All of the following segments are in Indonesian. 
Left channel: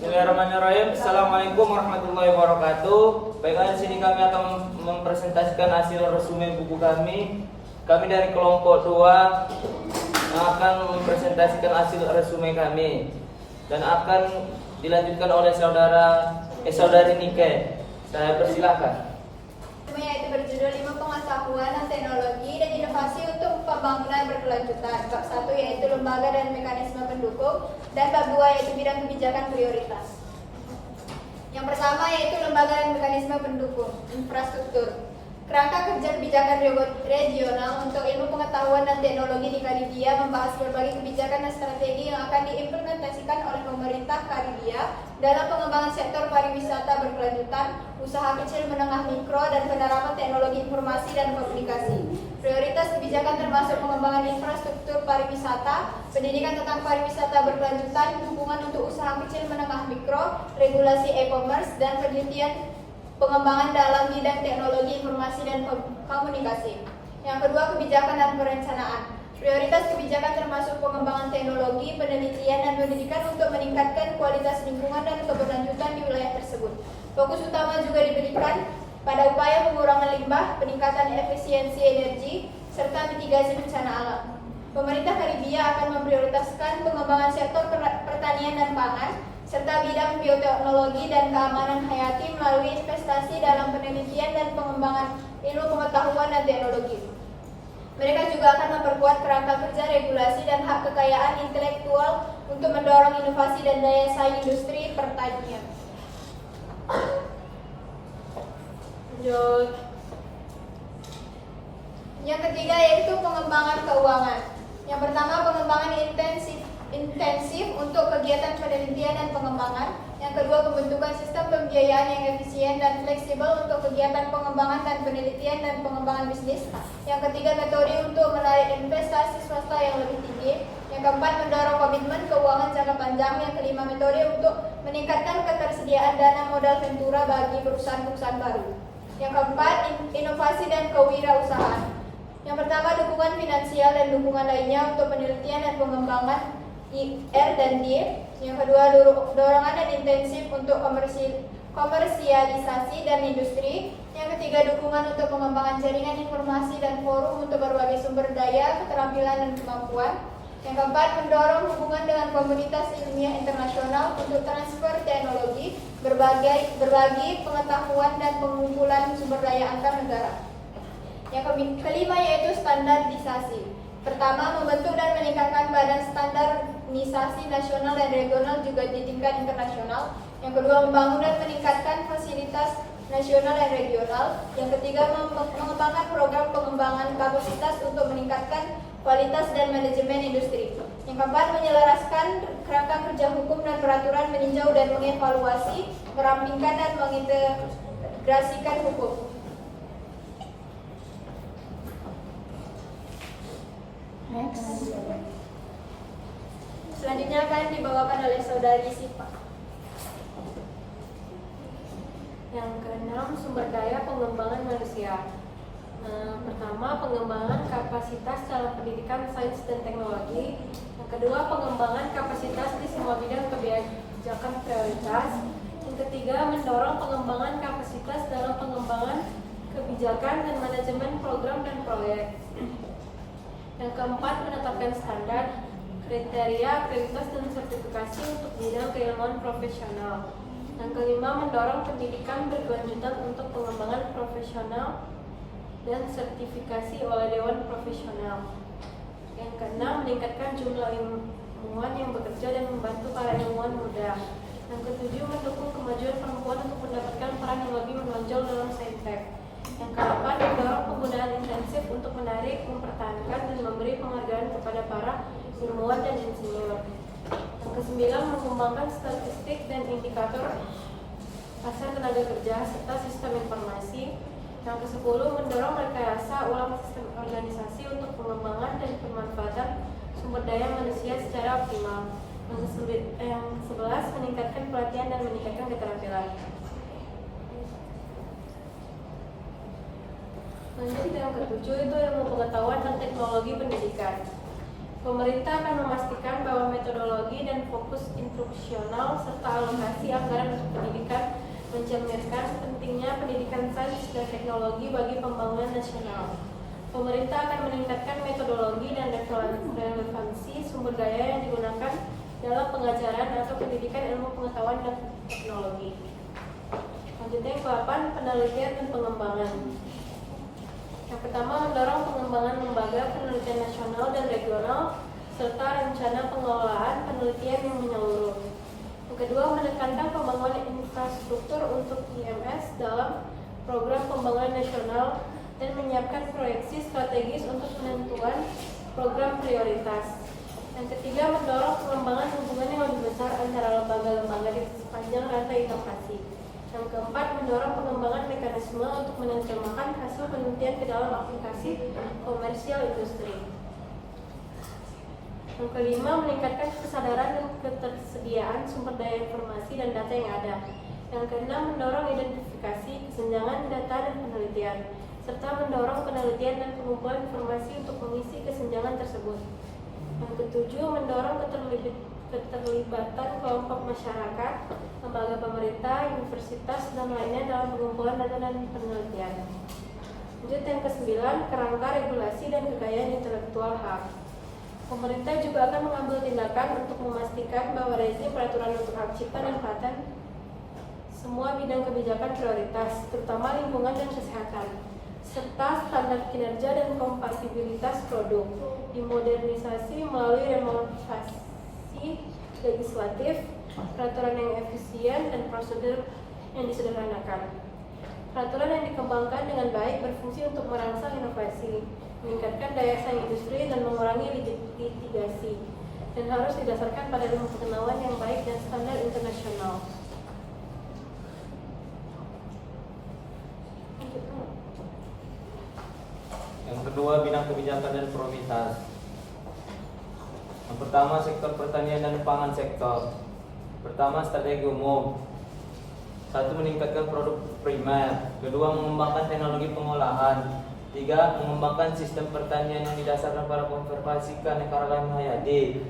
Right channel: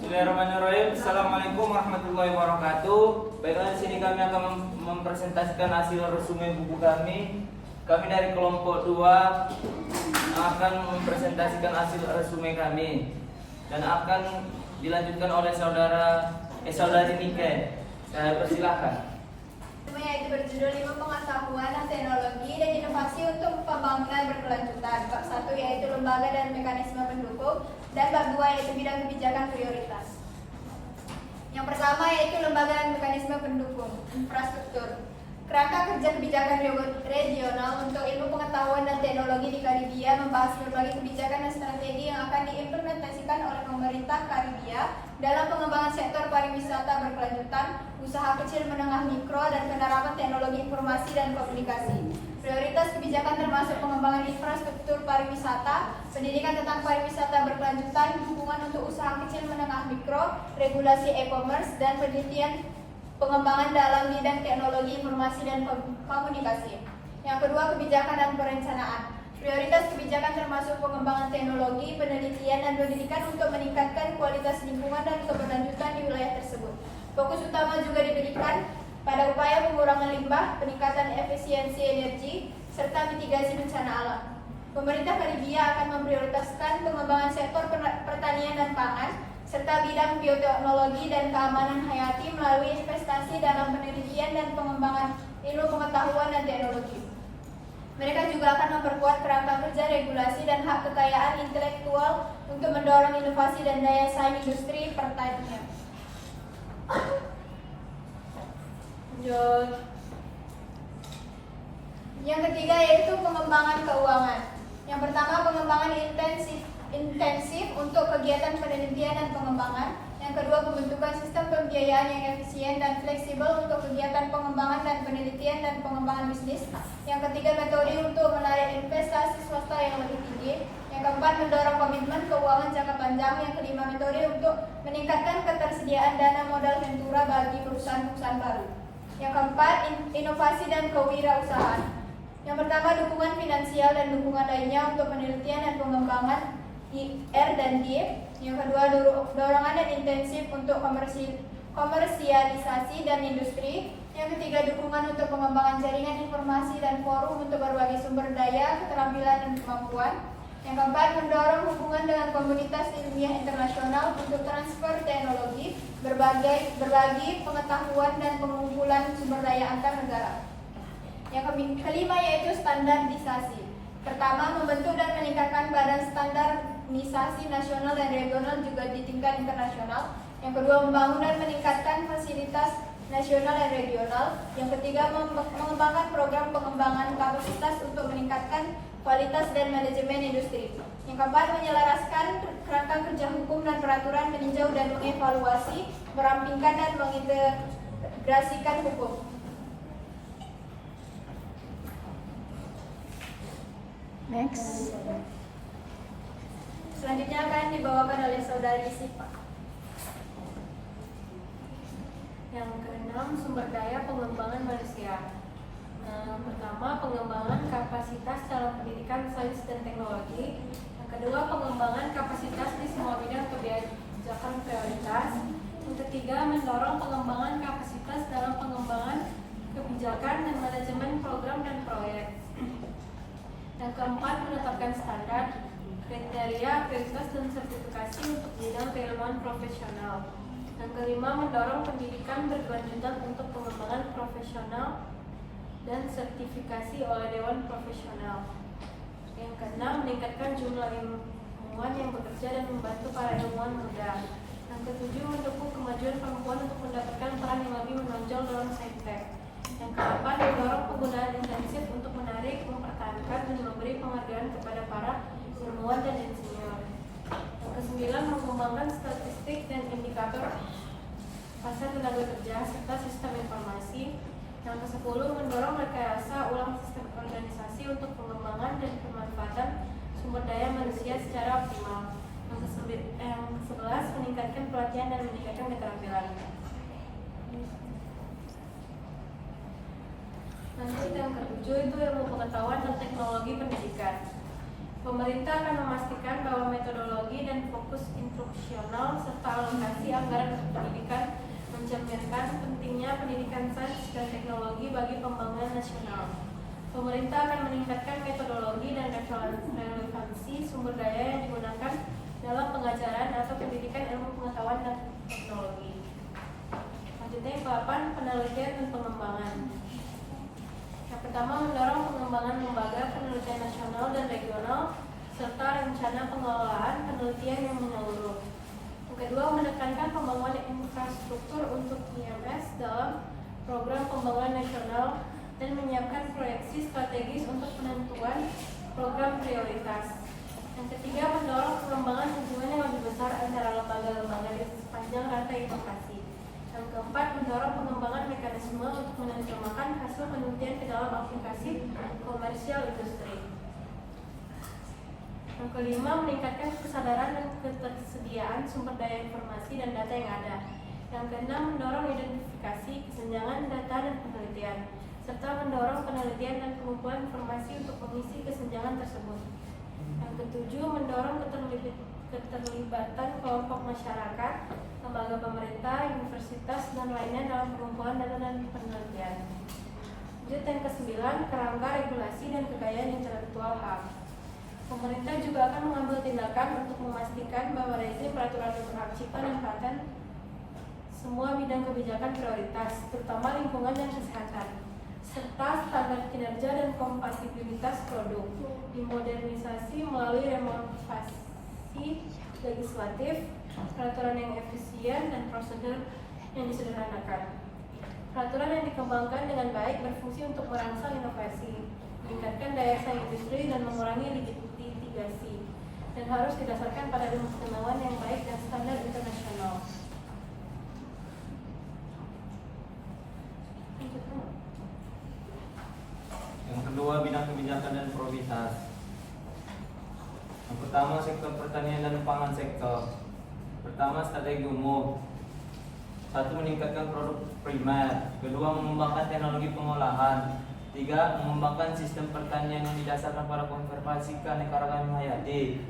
Bismillahirrahmanirrahim. Assalamualaikum warahmatullahi wabarakatuh. Baiklah, di sini kami akan mempresentasikan hasil resume buku kami. Kami dari kelompok 2 akan mempresentasikan hasil resume kami dan akan dilanjutkan oleh saudari Nike. Saya persilahkan. Yaitu berjudul 5 pengetahuan dan teknologi dan inovasi untuk pembangunan berkelanjutan. Bab 1 yaitu lembaga dan mekanisme pendukung, dan bab 2 yaitu bidang kebijakan prioritas. Yang pertama yaitu lembaga dan mekanisme pendukung, infrastruktur. Kerangka kerja kebijakan regional untuk ilmu pengetahuan dan teknologi di Karibia membahas berbagai kebijakan dan strategi yang akan diimplementasikan oleh pemerintah Karibia dalam pengembangan sektor pariwisata berkelanjutan, usaha kecil menengah mikro, dan penerapan teknologi informasi dan komunikasi. Prioritas kebijakan termasuk pengembangan infrastruktur pariwisata, pendidikan tentang pariwisata berkelanjutan, dukungan untuk usaha kecil menengah mikro, regulasi e-commerce, dan penelitian pengembangan dalam bidang teknologi informasi dan komunikasi. Yang kedua, kebijakan dan perencanaan. Prioritas kebijakan termasuk pengembangan teknologi, penelitian, dan pendidikan untuk meningkatkan kualitas lingkungan dan keberlanjutan di wilayah tersebut. Fokus utama juga diberikan pada upaya pengurangan limbah, peningkatan efisiensi energi, serta mitigasi bencana alam. Pemerintah Karibia akan memprioritaskan pengembangan sektor pertanian dan pangan, serta bidang bioteknologi dan keamanan hayati melalui investasi dalam penelitian dan pengembangan ilmu pengetahuan dan teknologi. Mereka juga akan memperkuat kerangka kerja regulasi dan hak kekayaan intelektual untuk mendorong inovasi dan daya saing industri pertanian. Yang ketiga yaitu pengembangan keuangan. Yang pertama, pengembangan intensif untuk kegiatan penelitian dan pengembangan. Yang kedua, pembentukan sistem pembiayaan yang efisien dan fleksibel untuk kegiatan pengembangan dan penelitian dan pengembangan bisnis. Yang ketiga, metode untuk menarik investasi swasta yang lebih tinggi. Yang keempat, mendorong komitmen keuangan jangka panjang. Yang kelima, metode untuk meningkatkan ketersediaan dana modal ventura bagi perusahaan-perusahaan baru. Yang keempat, inovasi dan kewirausahaan. Yang pertama, dukungan finansial dan dukungan lainnya untuk penelitian dan pengembangan R dan D. Yang kedua, dorongan dan intensif untuk komersialisasi dan industri. Yang ketiga, dukungan untuk pengembangan jaringan informasi dan forum untuk berbagai sumber daya, keterampilan, dan kemampuan. Yang keempat, mendorong hubungan dengan komunitas ilmiah internasional untuk transfer teknologi, berbagi pengetahuan, dan pengumpulan sumber daya antar negara. Yang kelima yaitu standarisasi. Pertama, membentuk dan meningkatkan badan standarisasi nasional dan regional juga di tingkat internasional. Yang kedua, membangun dan meningkatkan fasilitas nasional dan regional. Yang ketiga, mengembangkan program pengembangan kapasitas untuk meningkatkan kualitas dan manajemen industri. Yang keempat, menyelaraskan kerangka kerja hukum dan peraturan, meninjau dan mengevaluasi, merampingkan dan mengintegrasikan hukum. Next. Selanjutnya akan dibawakan oleh saudari Sipa. Yang keenam, sumber daya pengembangan manusia. Pertama, pengembangan kapasitas dalam pendidikan sains dan teknologi. Yang kedua, pengembangan kapasitas di semua bidang kebijakan prioritas. Yang ketiga, mendorong pengembangan kapasitas dalam pengembangan kebijakan dan manajemen program dan proyek. Yang keempat, menetapkan standar, kriteria, akreditasi, dan sertifikasi untuk bidang keilmuan profesional. Yang kelima, mendorong pendidikan berkelanjutan untuk pengembangan profesional dan sertifikasi oleh Dewan Profesional. Yang keenam, meningkatkan jumlah ilmuwan yang bekerja dan membantu para ilmuwan muda. Yang ketujuh, mendukung kemajuan perempuan untuk mendapatkan peran yang lebih menonjol dalam saintek. Yang kedelapan, mendorong penggunaan intensif untuk menarik, mempertahankan, dan memberi penghargaan kepada para ilmuwan dan insinyur. Yang kesembilan, mengembangkan statistik dan indikator pasar tenaga kerja serta sistem informasi. Yang kesepuluh, mendorong rekayasa ulang sistem organisasi untuk pengembangan dan pemanfaatan sumber daya manusia secara optimal. Yang ke-11, meningkatkan pelatihan dan meningkatkan keterampilan. Lanjut yang ke-7 itu ilmu pengetahuan dan teknologi pendidikan. Pemerintah akan memastikan bahwa metodologi dan fokus instruksional serta alokasi anggaran untuk pendidikan mencerminkan pentingnya pendidikan sains dan teknologi bagi pembangunan nasional. Pemerintah akan meningkatkan metodologi dan relevansi sumber daya yang digunakan dalam pengajaran atau pendidikan ilmu pengetahuan dan teknologi. Selanjutnya yang ke-8, penelitian dan pengembangan. Yang pertama, mendorong pengembangan lembaga penelitian nasional dan regional serta rencana pengelolaan penelitian yang menyeluruh. Yang kedua, menekankan pembangunan infrastruktur untuk IMS dalam program pembangunan nasional dan menyiapkan proyeksi strategis untuk penentuan program prioritas. Yang ketiga, mendorong pengembangan hubungan yang lebih besar antara lembaga-lembaga di sepanjang rantai inovasi. Yang keempat, mendorong pengembangan mekanisme untuk menerjemahkan hasil penelitian ke dalam aplikasi komersial industri. Yang kelima, meningkatkan kesadaran dan ketersediaan sumber daya informasi dan data yang ada. Yang keenam, mendorong identifikasi kesenjangan data dan penelitian, serta mendorong penelitian dan pengumpulan informasi untuk mengisi kesenjangan tersebut. Yang ketujuh, mendorong keterlibatan kelompok masyarakat, lembaga pemerintah, universitas, dan lainnya dalam pengumpulan data dan penelitian. Lanjut yang kesembilan, kerangka regulasi dan kekayaan intelektual hak. Pemerintah juga akan mengambil tindakan untuk memastikan bahwa rezim peraturan untuk hak cipta dan paten semua bidang kebijakan prioritas, terutama lingkungan dan kesehatan, serta standar kinerja dan kompatibilitas produk dimodernisasi melalui renovasi legislatif, peraturan yang efisien, dan prosedur yang disederhanakan. Peraturan yang dikembangkan dengan baik berfungsi untuk merangsang inovasi, meningkatkan daya saing industri, dan mengurangi litigasi, dan harus didasarkan pada ilmu pengetahuan yang baik dan standar internasional. Yang kedua, bidang kebijakan dan prioritas. Yang pertama, sektor pertanian dan pangan sektor. Pertama, strategi umum. Satu, meningkatkan produk primer. Kedua, mengembangkan teknologi pengolahan. Tiga, mengembangkan sistem pertanian yang didasarkan pada konservasi keanekaragaman hayati.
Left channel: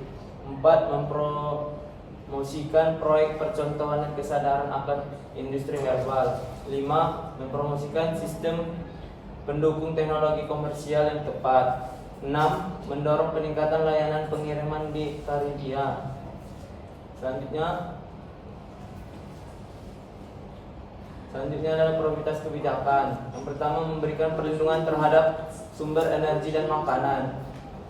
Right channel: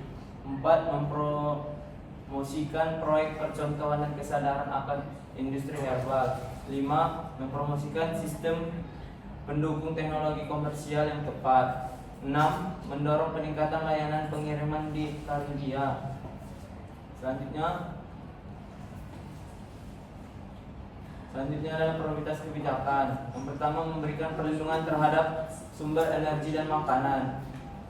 Empat, mempromosikan proyek percontohan dan kesadaran akan industri herbal. Lima, mempromosikan sistem pendukung teknologi komersial yang tepat. 6. Mendorong peningkatan layanan pengiriman di Karibia. Selanjutnya adalah prioritas kebijakan. Yang pertama, memberikan perlindungan terhadap sumber energi dan makanan.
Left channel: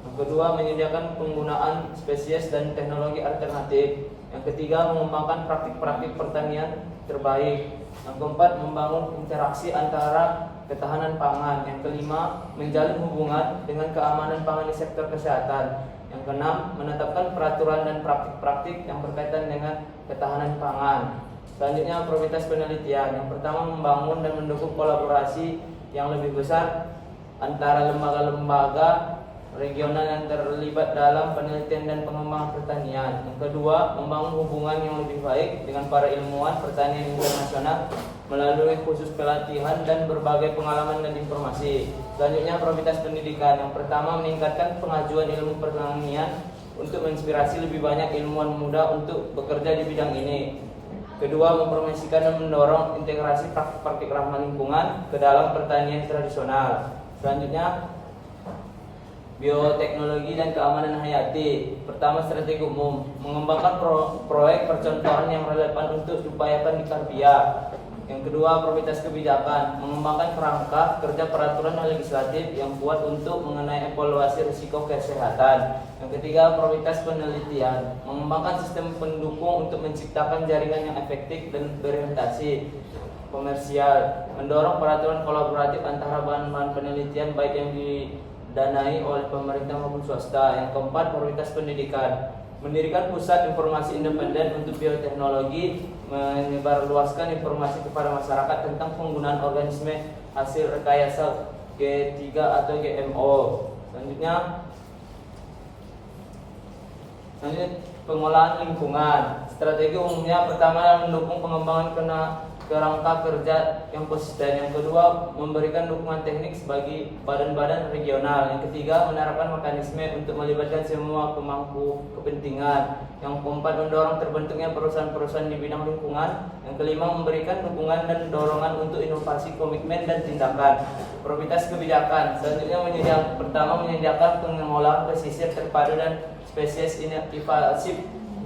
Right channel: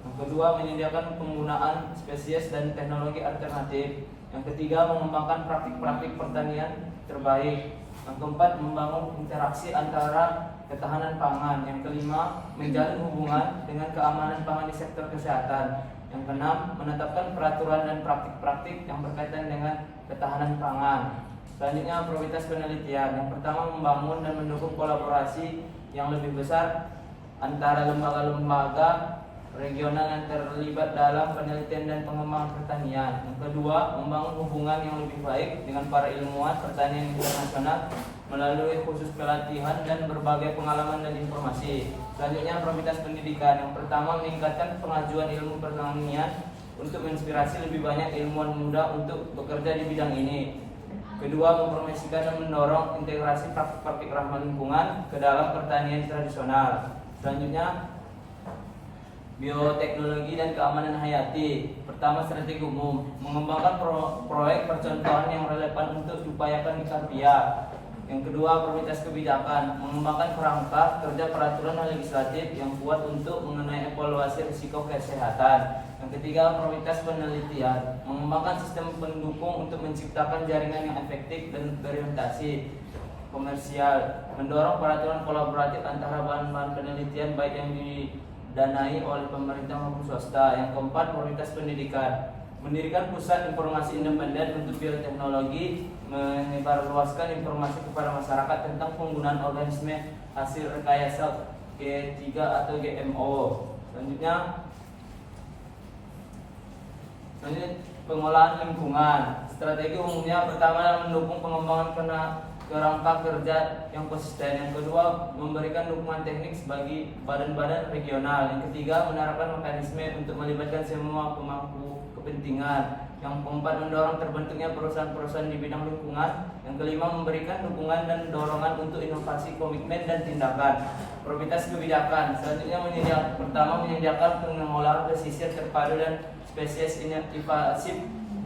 Yang kedua, menyediakan penggunaan spesies dan teknologi alternatif. Yang ketiga, mengembangkan praktik-praktik pertanian terbaik. Yang keempat, membangun interaksi antara ketahanan pangan. Yang kelima, menjalin hubungan dengan keamanan pangan di sektor kesehatan. Yang keenam, menetapkan peraturan dan praktik-praktik yang berkaitan dengan ketahanan pangan. Selanjutnya, prioritas penelitian. Yang pertama, membangun dan mendukung kolaborasi yang lebih besar antara lembaga-lembaga regional yang terlibat dalam penelitian dan pengembangan pertanian. Yang kedua, membangun hubungan yang lebih baik dengan para ilmuwan pertanian internasional melalui khusus pelatihan dan berbagai pengalaman dan informasi. Selanjutnya, prioritas pendidikan. Yang pertama, meningkatkan pengajuan ilmu pertanian untuk menginspirasi lebih banyak ilmuwan muda untuk bekerja di bidang ini. Kedua, mempromosikan dan mendorong integrasi praktik-praktik ramah lingkungan ke dalam pertanian tradisional. Selanjutnya, bioteknologi dan keamanan hayati. Pertama, strategi umum. Mengembangkan proyek percontohan yang relevan untuk diupayakan di Karibia. Yang kedua, prioritas kebijakan. Mengembangkan kerangka kerja peraturan legislatif yang kuat untuk mengenai evaluasi risiko kesehatan. Yang ketiga, prioritas penelitian. Mengembangkan sistem pendukung untuk menciptakan jaringan yang efektif dan berorientasi komersial. Mendorong peraturan kolaboratif antara bahan-bahan penelitian baik yang didanai oleh pemerintah maupun swasta. Yang keempat, prioritas pendidikan. Mendirikan pusat informasi independen untuk bioteknologi, menyebarluaskan informasi kepada masyarakat tentang penggunaan organisme hasil rekayasa G3 atau GMO. Selanjutnya, Selanjutnya pengolahan lingkungan. Strategi umumnya pertama mendukung pengembangan kerangka kerja yang konsisten. Yang kedua, memberikan dukungan teknik bagi badan-badan regional. Yang ketiga, menerapkan mekanisme untuk melibatkan semua pemangku kepentingan. Yang keempat, mendorong terbentuknya perusahaan-perusahaan di bidang lingkungan. Yang kelima, memberikan dukungan dan dorongan untuk inovasi, komitmen dan tindakan. Prioritas kebijakan. Selanjutnya menyediakan pengolahan pesisir terpadu dan spesies inovatif.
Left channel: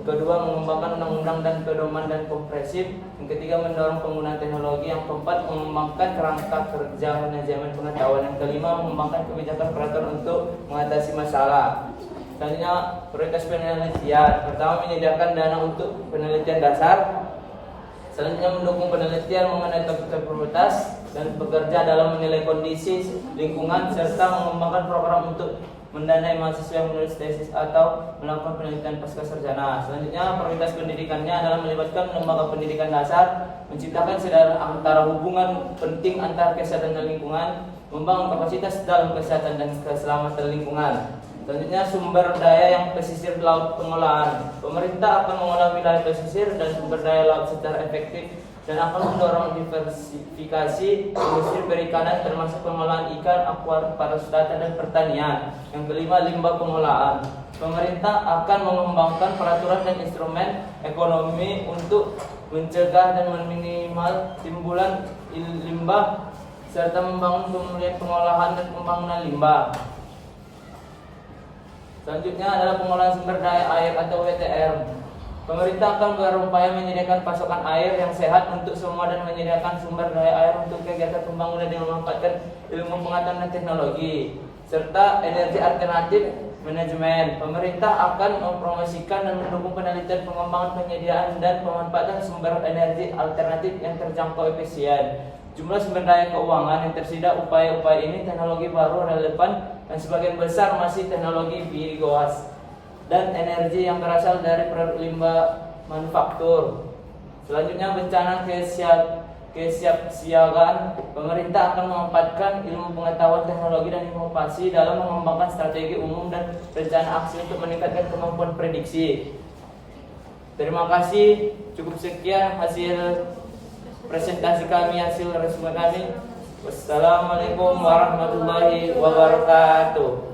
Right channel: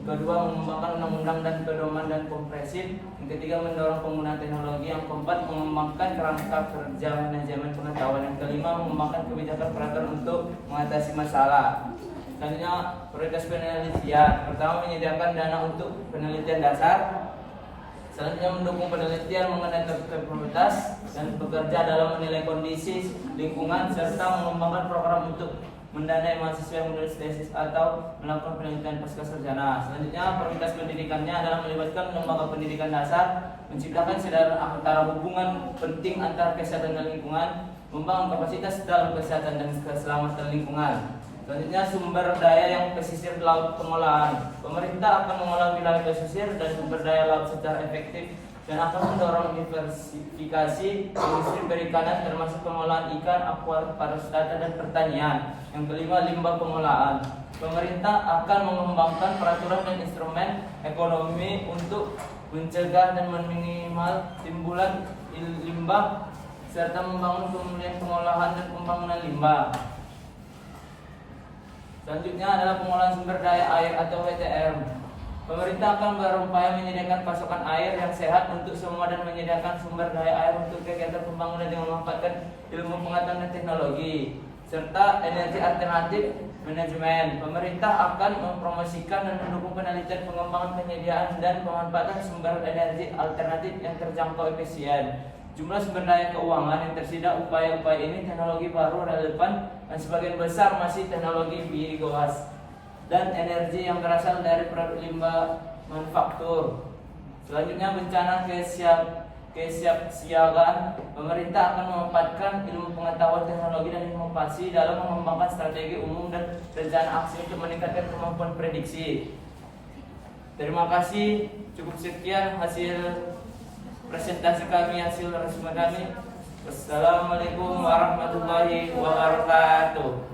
Kedua, mengembangkan undang-undang dan pedoman dan kompresif. Yang ketiga, mendorong penggunaan teknologi. Yang keempat, mengembangkan kerangka kerja manajemen pengetahuan. Yang kelima, mengembangkan kebijakan peraturan untuk mengatasi masalah. Selanjutnya, prioritas penelitian. Pertama, menyediakan dana untuk penelitian dasar. Selanjutnya, mendukung penelitian mengenai topik prioritas dan bekerja dalam menilai kondisi lingkungan serta mengembangkan program untuk mendanai mahasiswa yang menulis tesis atau melakukan penelitian pasca sarjana. Selanjutnya, prioritas pendidikannya adalah melibatkan lembaga pendidikan dasar, menciptakan kesadaran antara hubungan penting antara kesehatan dan lingkungan, membangun kapasitas dalam kesehatan dan keselamatan lingkungan. Selanjutnya, sumber daya yang pesisir laut pengolahan. Pemerintah akan mengolah wilayah pesisir dan sumber daya laut secara efektif dan akan mendorong diversifikasi industri perikanan termasuk pengolahan ikan, akuarik, pariwisata dan pertanian. Yang kelima, limbah pengolahan. Pemerintah akan mengembangkan peraturan dan instrumen ekonomi untuk mencegah dan meminimal timbulan limbah serta membangun pemulihan pengolahan dan pembangunan limbah. Selanjutnya adalah pengolahan sumber daya air atau WTR. Pemerintah akan berupaya menyediakan pasokan air yang sehat untuk semua dan menyediakan sumber daya air untuk kegiatan pembangunan dengan memanfaatkan ilmu pengetahuan dan teknologi serta energi alternatif manajemen. Pemerintah akan mempromosikan dan mendukung penelitian, pengembangan, penyediaan dan pemanfaatan sumber energi alternatif yang terjangkau efisien. Jumlah sumber daya keuangan yang tersedia upaya-upaya ini teknologi baru relevan dan sebagian besar masih teknologi biogas dan energi yang berasal dari produk limbah manufaktur. Selanjutnya, bencana kesiapsiagaan. Pemerintah akan memanfaatkan ilmu pengetahuan, teknologi dan inovasi dalam mengembangkan strategi umum dan rencana aksi untuk meningkatkan kemampuan prediksi. Terima kasih. Cukup sekian hasil presentasi kami, hasil resume kami. Wassalamualaikum warahmatullahi wabarakatuh.